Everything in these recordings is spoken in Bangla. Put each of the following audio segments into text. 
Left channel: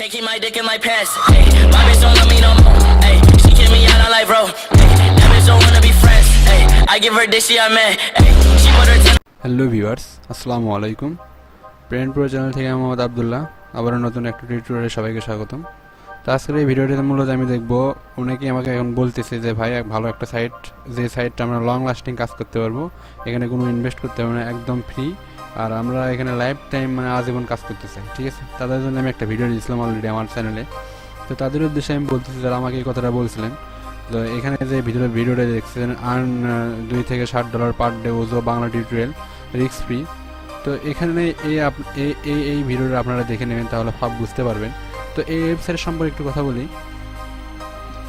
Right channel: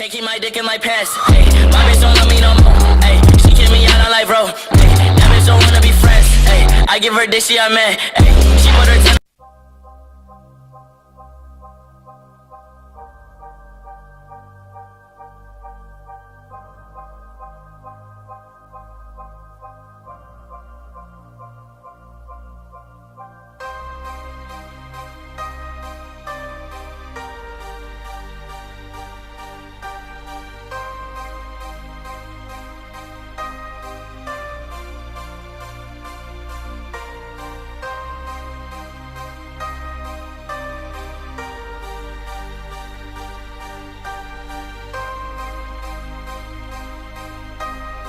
Can't keep my dick in my pants. Hey, my bitch don't love me no more. Hey, she kick me out on life, bro. Hey, that bitch don't wanna be friends. Hey, I give her dick, she a man. Hey, she put her 10. Hello viewers, আসসালামু আলাইকুম। প্রেন্ট প্রো চ্যানেল থেকে আমি আব্দুল্লাহ আবার নতুন একটা টিউটোরিয়ালে সবাইকে স্বাগতম। তো আজকের এই ভিডিওটিতে মূলত আমি দেখব, অনেকেই আমাকে এখন বলতেছে যে ভাই ভালো একটা সাইট, যে সাইটটা আমরা লং লাস্টিং কাজ করতে পারবো, এখানে কোনো ইনভেস্ট করতে হবে না, একদম ফ্রি, আর আমরা এখানে লাইফ টাইম মানে আজীবন কাজ করতে চাই, ঠিক আছে। তাদের জন্য আমি একটা ভিডিও দিয়েছিলাম অলরেডি আমার চ্যানেলে। তো তাদের উদ্দেশ্যে আমি বলতেছি যারা আমাকে এই কথাটা বলছিলেন, তো এখানে যে ভিডিওটা দেখছেন আর্ন $2 থেকে $60 পার ডে ওজো বাংলা টিউটোরিয়াল রিস্ক ফ্রি। তো এখানে এই ভিডিওটা আপনারা দেখে নেবেন, তাহলে সব বুঝতে পারবেন। তো এই ওয়েবসাইট সম্পর্কে একটু কথা বলি।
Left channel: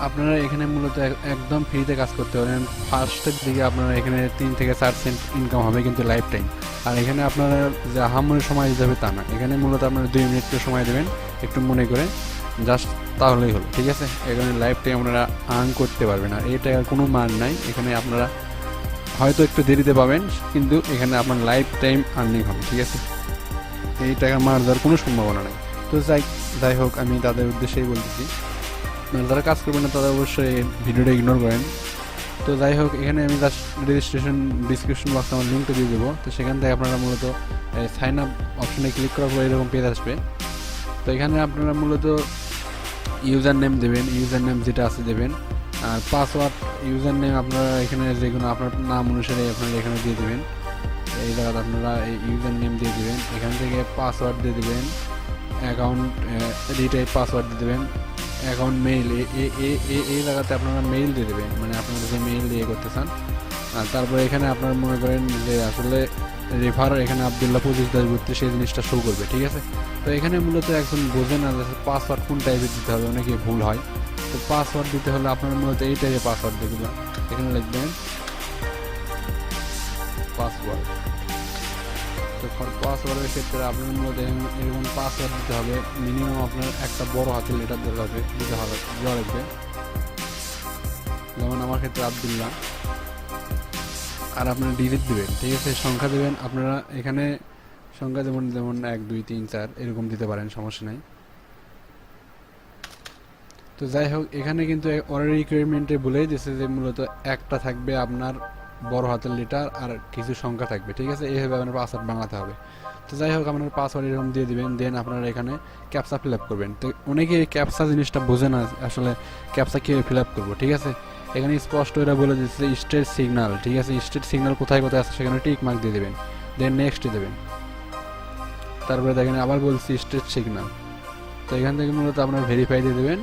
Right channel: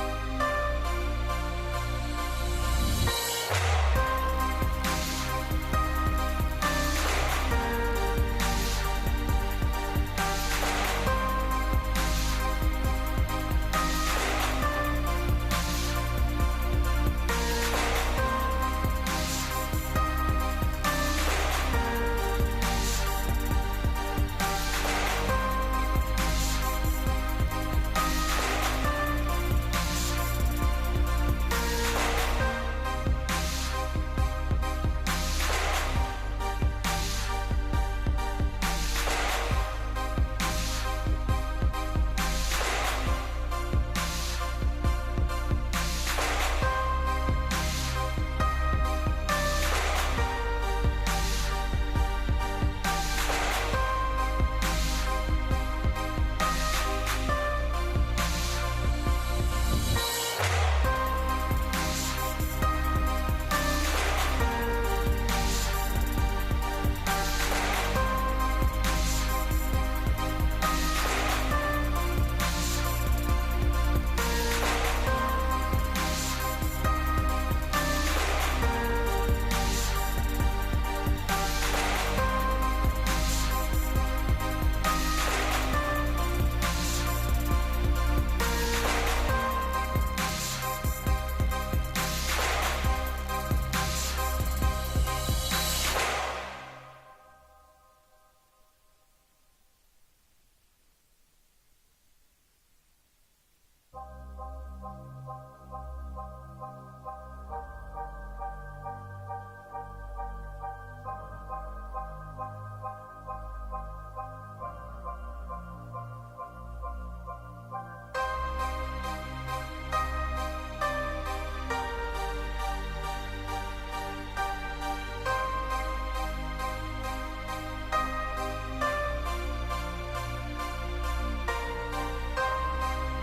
আপনারা এখানে মূলত একদম ফ্রিতে কাজ করতে পারেন। ফার্স্টের দিকে আপনারা এখানে 3 থেকে 4 সেন্ট ইনকাম হবে, কিন্তু লাইফ টাইম। আর এখানে আপনারা যে আহামরি সময় দিতে হবে তা না, এখানে মূলত আপনারা 2 মিনিট সময় দেবেন একটু মনে করে, জাস্ট তাহলেই হলো, ঠিক আছে। এখানে লাইফ টাইম আপনারা আর্ন করতে পারবেন, আর এটা কোনো মান নাই। এখানে আপনারা হয়তো একটু দেরিতে পাবেন, কিন্তু এখানে আপনার লাইফ টাইম আর্নিং হবে, ঠিক আছে। এই টাকা মার দেওয়ার কোনো সম্ভাবনা নেই। তো যাই হোক, আমি তাদের উদ্দেশ্যেই বলছি, যারা কাজ করবেন না তারা অবশ্যই ভিডিওটা ইগনোর করেন। তো যাই হোক, এখানে আমি জাস্ট রেজিস্ট্রেশন ডিসক্রিপশন বক্সে আমার লিঙ্কটা দিয়ে দেবো। তো সেখান থেকে আপনারা মূলত সাইন আপ অপশনে ক্লিক করার পরে এরকম পেজ আসবে। তো এখানে আপনারা মূলত ইউজার নেম দেবেন, ইউজার নেম যেটা আছে দেবেন, আর পাসওয়ার্ড ইউজার নেম আপনারা এখানে যেগুলো আপনার নাম অনুসারে আপনারা এখানে দিয়ে দেবেন। এই জায়গাটা আপনারা এই ইউজার নেম দিয়ে দেবেন, এখান থেকে পাসওয়ার্ড দিয়ে দেবেন, অ্যাকাউন্ট রিটাইপ পাসওয়ার্ড দিয়ে দেবেন, অ্যাকাউন্ট মেইল এই জায়গাতে আপনারা মেইল দিয়ে দেবেন, মানে আপনারা যে মেইল দিয়ে করতে চান। আর তারপরে এখানে আপনারা মনে করেন যে আসলে রেফার এখানে আব্দুল্লাহ ঘুরতে সেই জিনিসটা শো করবে, ঠিক আছে। তো এখানে মূলত একজন বোঝে না যে পাসওয়ার্ড কোন টাইপের দিতে হবে, অনেকে ভুল হয়। তো পাসওয়ার্ড দিতে হলে আপনারা মূলত এই টাইপের পাসওয়ার্ড দিয়ে দেবেন। এখানে লিখবেন পাসওয়ার্ড। পাসওয়ার্ডের ক্ষেত্রে আপনার মূলত এখানে পাসওয়ার্ড দিতে হবে মিনিমাম আপনার একটা বড় হাতের লেটার দিতে হবে দেওয়া লাগবে। যেমন আমার ক্ষেত্রে আব্দুল্লাহ, আর আপনার ডিজিট দেবেন, ঠিক আছে। সংখ্যা দেবেন আপনারা এখানে, সংখ্যা যেমন 1 2 3 4 এরকম দিতে পারেন, সমস্যা নাই। তো যাই হোক, এখানে কিন্তু অর্ডার রিকোয়ারমেন্টে বলেই দিয়েছে যে মূলত একটা থাকবে আপনার বড় হাতের লেটার আর কিছু সংখ্যা থাকবে, ঠিক আছে। এইভাবে আপনার পাসওয়ার্ড বানাতে হবে। তো যাই হোক, আপনার পাসওয়ার্ড এরকম দিয়ে দিবেন, দেন আপনারা এখানে ক্যাপচা ফিল আপ করবেন। তো অনেকে ক্যাপচা জিনিসটা বোঝে না, আসলে ক্যাপচা কীভাবে ফিল আপ করবো, ঠিক আছে। এখানে স্পষ্ট এটা বলে দিচ্ছে স্টেট সিগন্যাল, ঠিক আছে। স্টেট সিগন্যাল কোথায় কোথায় আছে সেখানে টিক মার্ক দিয়ে দেবেন, দেন নেক্সট দেবেন। তারপরে দেখেন আবার বলছি স্টেট সিগন্যাল। তো এখান থেকে মূলত আপনার ভেরিফাই দিয়ে দেবেন।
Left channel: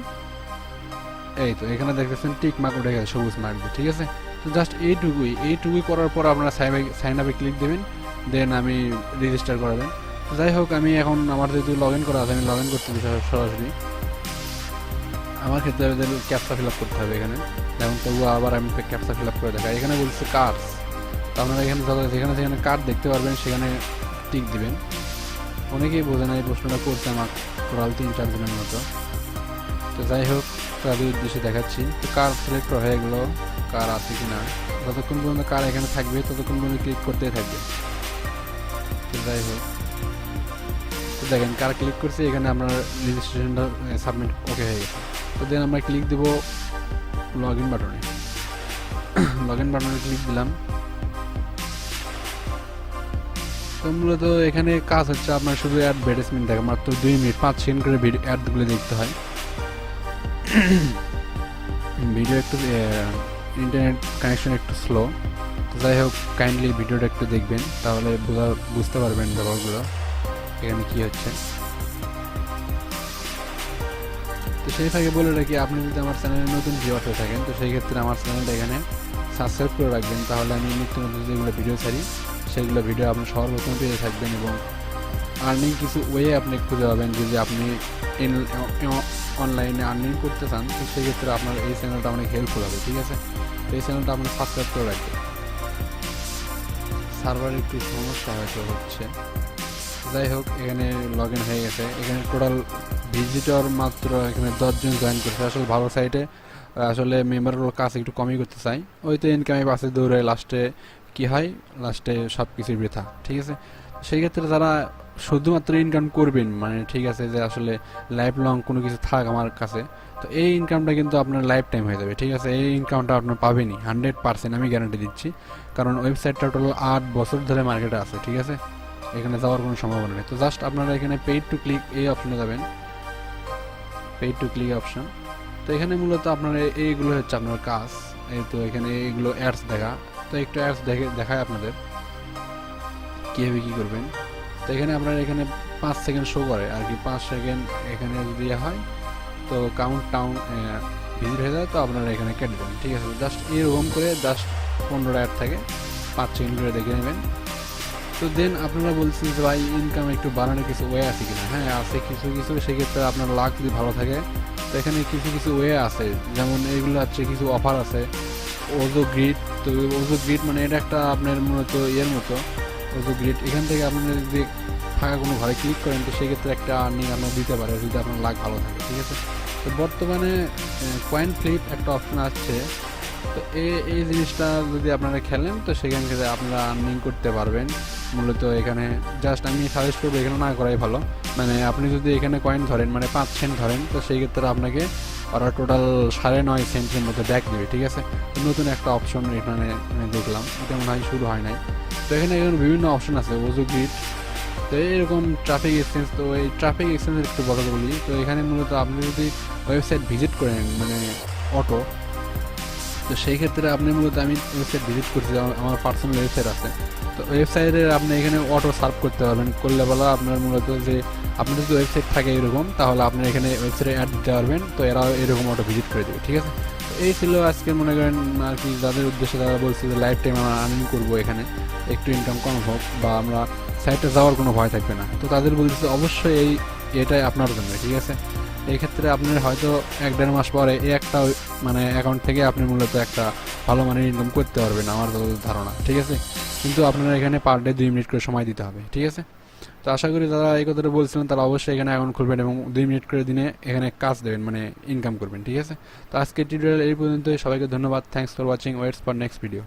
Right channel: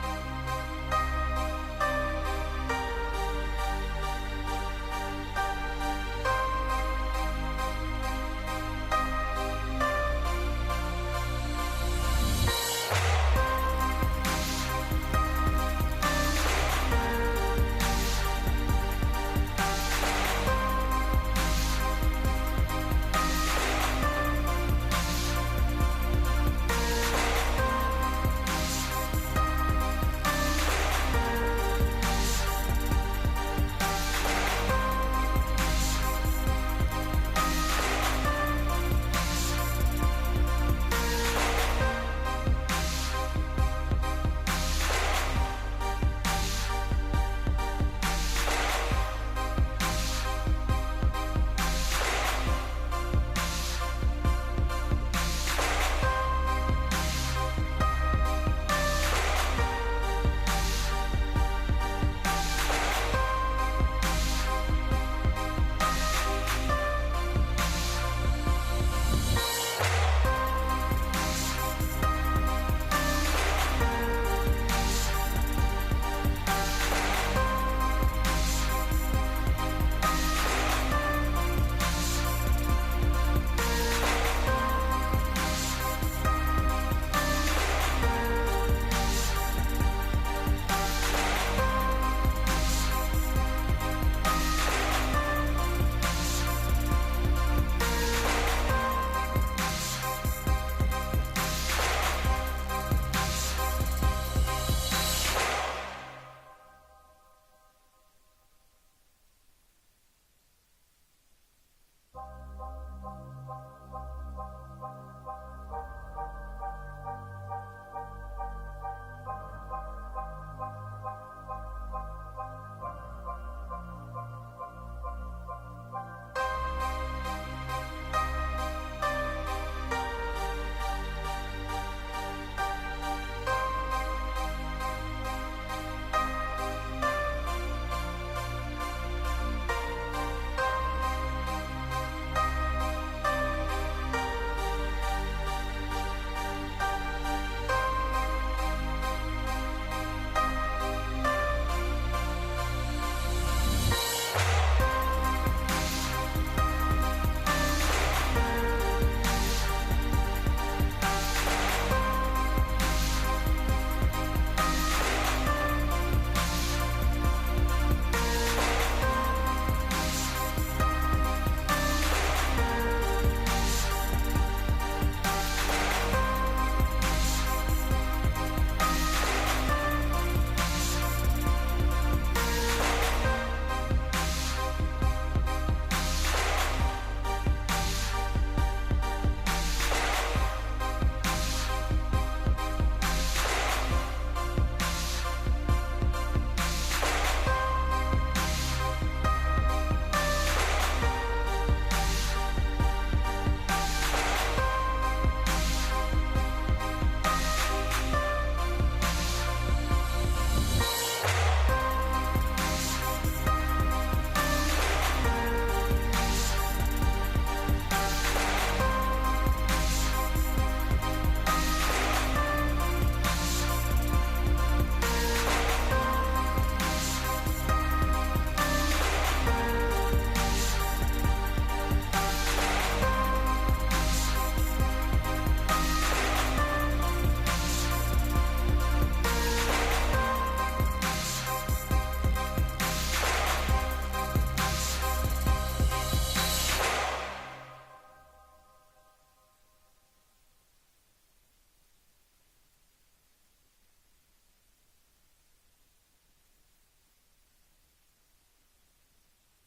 এই তো এখানে দেখতেছেন টিক মার্ক উঠে গেছে, সবুজ মার্ক দিয়ে, ঠিক আছে। তো জাস্ট এইটুকুই করার পর আপনারা সাইন আপে ক্লিক দেবেন, দেন আমি রেজিস্টার করাবেন। যাই হোক, আমি এখন আমার যেহেতু লগ ইন করা আছে, আমি লগ ইন করতে হবে সরাসরি। আমার ক্ষেত্রে ক্যাপচা ফিল আপ করতে হবে এখানে, যেমন তবুও আবার আমি ক্যাপচা ফিল আপ করে দেখাই। এখানে বলছি কার্ড, তো আপনারা এখানে যেখানে কার্ড দেখতে পারবেন সেখানে টিক দিবেন। অনেকেই বোঝে না, এই প্রশ্নটা করতে আমার টোটাল 3-4 দিনের মতো। তো যাই হোক, তাদের উদ্দেশ্যে দেখাচ্ছি। তো কার সিলেক্ট হয়ে গেলো, কার আছে কি না, যতক্ষণ পর্যন্ত কার এখানে থাকবে ততক্ষণ পর্যন্ত ক্লিক করতে থাকবে। তো যাই হোক, দেখেন কার ক্লিক করছে, এখানে আপনার রেজিস্ট্রেশনটা সাবমিট ওকে হয়ে গেছে। তো দেন আমরা ক্লিক দেবো লগ ইন বাটনে। লগ ইন বাটনে ক্লিক দিলাম। তো মূলত এখানে কাজ হচ্ছে আপনার শুধু অ্যাডভার্টাইজমেন্ট থাকে, মাত্র 2 মিনিট 5 সেকেন্ড করে অ্যাডগুলো দেখতে হয়। ভিডিও একটু ইন্টারনেট কানেকশন একটু স্লো। যাই হোক, কাইন্ডলি ভিডিওটা একটু দেখবেন, তাহলে বুঝতে পারবেন ব্যাপারগুলো এখানে কী হচ্ছে। তো সেই থেকে বলে রাখি, আপনি যদি আমার চ্যানেলে নতুন ভিউয়ার হয়ে থাকেন, তো সেই ক্ষেত্রে আমার চ্যানেলটা এখানে সাবস্ক্রাইব করে রাখবেন, তাহলে আমি নিত্য নতুন যেগুলো ভিডিও ছাড়ি সেগুলো ভিডিও আপনি সর্বপ্রথম পেয়ে থাকবেন। এবং আর্নিং কিছু ওয়ে আপনি খুঁজে পাবেন, যদি আপনি অনলাইনে আর্নিং করতে চান, তো সেক্ষেত্রে আপনার এই চ্যানেলটা অনেক হেল্পফুল হবে, ঠিক আছে। এই চ্যানেলটা আপনি সাবস্ক্রাইব করে রাখবেন। সার্ভার একটু সমস্যা হচ্ছে। যাই হোক, এখানে লগ ইন হয়ে গেছে। এখানে টোটাল ভিজিটর মাত্র এখানে 10 জন জয়েন করছে। আসলে ভালো সাইটে আসলে মেম্বারগুলোর কাজ একটু কমই করতে চাই, ওই তো ইনকামের পাশে দৌড়ে লাস্টে কি হয়, লাস্টে সব কিছুই বৃথা, ঠিক আছে। সেই ক্ষেত্রে যারা শুধুমাত্র ইনকাম করবেন, মানে ঠিক আছে যে আসলে লাইফ লং কোনো কিছু থাক আমার কাছে, তো এই ইনকামটা কিন্তু আপনার লাইফ টাইম হয়ে যাবে। ঠিক আছে, এই ইনকামটা আপনার পাবেনই 100%, আমি গ্যারান্টি দিচ্ছি। কারণ ওয়েবসাইটটা টোটাল 8 বছর ধরে মার্কেটে আছে। ঠিক আছে, এখানে যাওয়ার কোনো সম্ভাবনা নেই। তো জাস্ট আপনারা এখানে পেইড টু ক্লিক এই অপশনে যাবেন, পেইড টু ক্লিক অপশন। তো এখানে মূলত আপনার এইগুলো হচ্ছে আপনার কাজ। এই তো এখানে এইগুলো অ্যাডস দেখা, তো একটু অ্যাডস দেখায় আপনাদের কীভাবে কী করবেন। তো এখানে আপনার এখানে 5 সেকেন্ড শো করে আর কি, 5 সেকেন্ড এখানে যদি হয় তো কাউন্ট টাউন ভিজিট হয়ে যায়, তো আপনারা এখানে কেটে দেবেন। ঠিক আছে, জাস্ট এরকম করে জাস্ট 15টা অ্যাড থাকে, 5 সেকেন্ড করে দেখে নেবেন। তো দেন আপনারা বলছেন যে ভাই ইনকাম একটু বাড়ানোর কিছু ওয়ে আছে কিনা? হ্যাঁ আছে কিছু কিছু, সেক্ষেত্রে আপনার লাক যদি ভালো থাকে তো এখানে কিছু কিছু ওয়ে আছে, যেমন এইগুলো হচ্ছে কিছু অফার আছে। ওজো গ্রিড, তো ওজো গ্রিড মানে এটা একটা আপনার মূলত ইয়ের মতো ওজো গ্রিড। এখান থেকে আপনি যদি ফাঁকা কোনো ঘরে ক্লিক করেন তো সেক্ষেত্রে একটা আর্নিং আপনার দিতে পারে যদি আপনার লাক ভালো থাকে। ঠিক আছে, তো বর্তমানে কয়েন ফ্লিপ একটা অপশন আসছে, তো এই জিনিসটা যদি আপনারা খেলেন তো সেখান থেকে আপনারা আর্নিং করতে পারবেন। মূলত এখানে জাস্ট আমি সাজেস্ট করি এখানে না করাই ভালো। মানে আপনি যদি এখানে কয়েন ধরেন, মানে 5 সেন্ট ধরেন, তো সেই ক্ষেত্রে আপনাকে ওরা টোটাল 9.5 সেন্টের মতো ব্যাক দেবে। ঠিক আছে, নতুন একটা অপশন এখানে দেখলাম, এটা মনে হয় শুরু হয় নাই। তো এখানে বিভিন্ন অপশন আছে, ওজো গ্রিড, তো এরকম ট্রাফিক এক্সচেঞ্জ। তো এই ট্রাফিক এক্সচেঞ্জের একটু কথা বলি। তো এখানে মূলত আপনি যদি ওয়েবসাইট ভিজিট করেন, মানে অটো, তো সেই ক্ষেত্রে আপনি মূলত আমি ওয়েবসাইট ভিজিট করছি, আমার পার্সোনাল ওয়েবসাইট আছে। তো ওয়েবসাইটে আপনি এখানে অটো সার্ভ করতে পারবেন, করলে বলা আপনার মূলত যে আপনি যদি ওয়েবসাইট থাকে এরকম, তাহলে আপনি এখানে ওয়েবসাইটে অ্যাড দিতে পারবেন, তো এরা এরকম অটো ভিজিট করে দেবে। ঠিক আছে, এই ছিল আজকে মনে করেন আর কি, যাদের উদ্দেশ্যে তারা বলছে যে লাইফ টাইম আমরা আর্নিং করবো, এখানে একটু ইনকাম কম হোক বা আমরা সাইটে যাওয়ার কোনো ভয় থাকবে না। তো তাদের বলছে অবশ্যই এটাই আপনার জন্য। ঠিক আছে, এই ক্ষেত্রে আপনি হয়তো 1-1.5 মাস পরে এই একটা মানে অ্যাকাউন্ট থেকে আপনি মূলত একটা ভালো মানের ইনকাম করতে পারবেন আমার ধারণা। ঠিক আছে, কিন্তু আপনার এখানে পার ডে 2 মিনিট করে সময় দিতে হবে। ঠিক আছে, তো আশা করি যারা এই কথাটা বলছিলেন তারা অবশ্যই এখানে অ্যাকাউন্ট খুলবেন এবং 2 মিনিট করে দিনে এখানে কাজ দেবেন, মানে ইনকাম করবেন। ঠিক আছে, তো আজকের টিউটোরিয়াল এই পর্যন্তই। সবাইকে ধন্যবাদ, thanks for watching, waits for next video.